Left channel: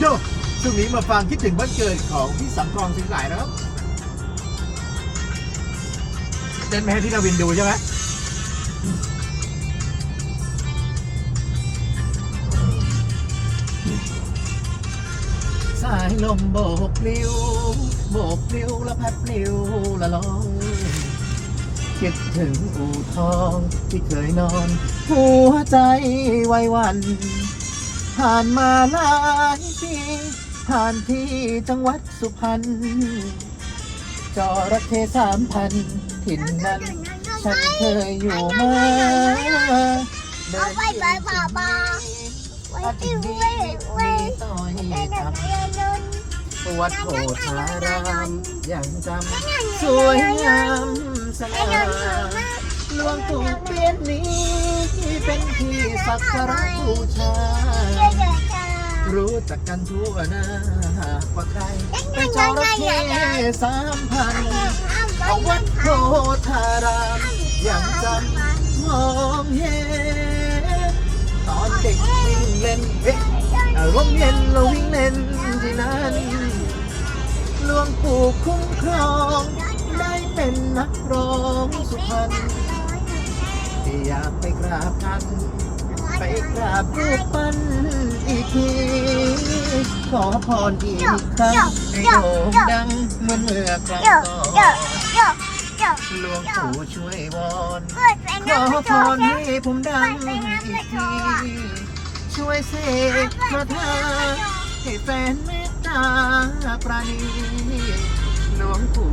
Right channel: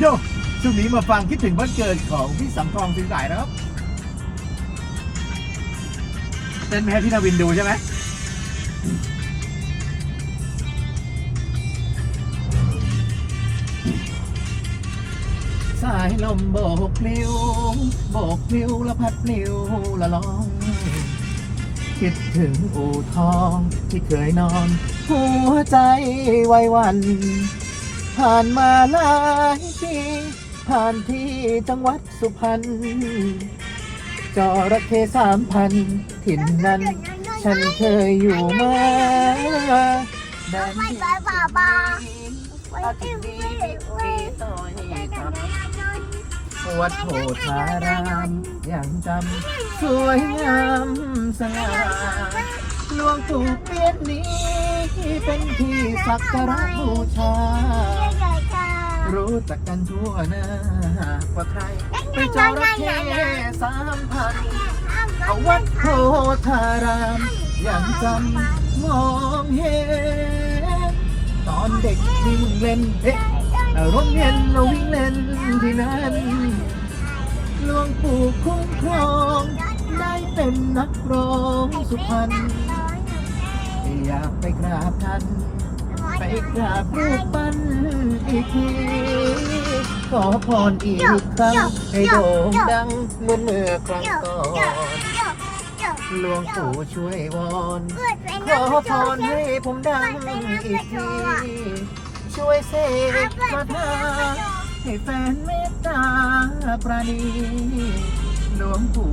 โยช่วงนี้มาฟังคิดถึงวันเกิดของพี่สังทองสิงห์หลายนะครับเต้นไหมฮะที่นาวินดูใช่ไหมสายลมโบกพลิ้วโบกพลิ้วละพัดพลิ้วละลอง คิดถึงอู่ทองที่เคยนอน หัวใจไว้วัน ผ่านมาหลายปีผ่านที่จังหวัดสุพรรณจระเข้สามพันถิ่นนั้น ฉันเคยอยู่มาเอาไว้บายบายบายไว้ที่ไว้ไว้ไว้ดังนั้นนั้นปวดโผธารามยังจำสวยงามสไอ้ง่าหลวงปู่เปีนี้เป็นที่ สักการะบูชาเดินมาจ้ารู้จักกันทั่วหน้าว่าใครเป็นจระเข้สามพันเอาวัดโพธารามยังจำมองเห็นตอนเด็กวิ่งเล่นเอ๊ะโรงเรียนเราวิ่งเล่นที่นั้นหลวงปู่คุ้มครองได้เป็นนักร้องสุพรรณอยากไปกราบท่านไป กราบรูปปั้นอีกที ขอพรอีกครั้งให้โด่งดังเหมือนเมื่อครั้งก่อนหลวงปู่ช่วยวอนขอพรให้ผมดังอีกที ช่วยเสกคาถาให้แฟนเมตตาปราณีหลวงปู่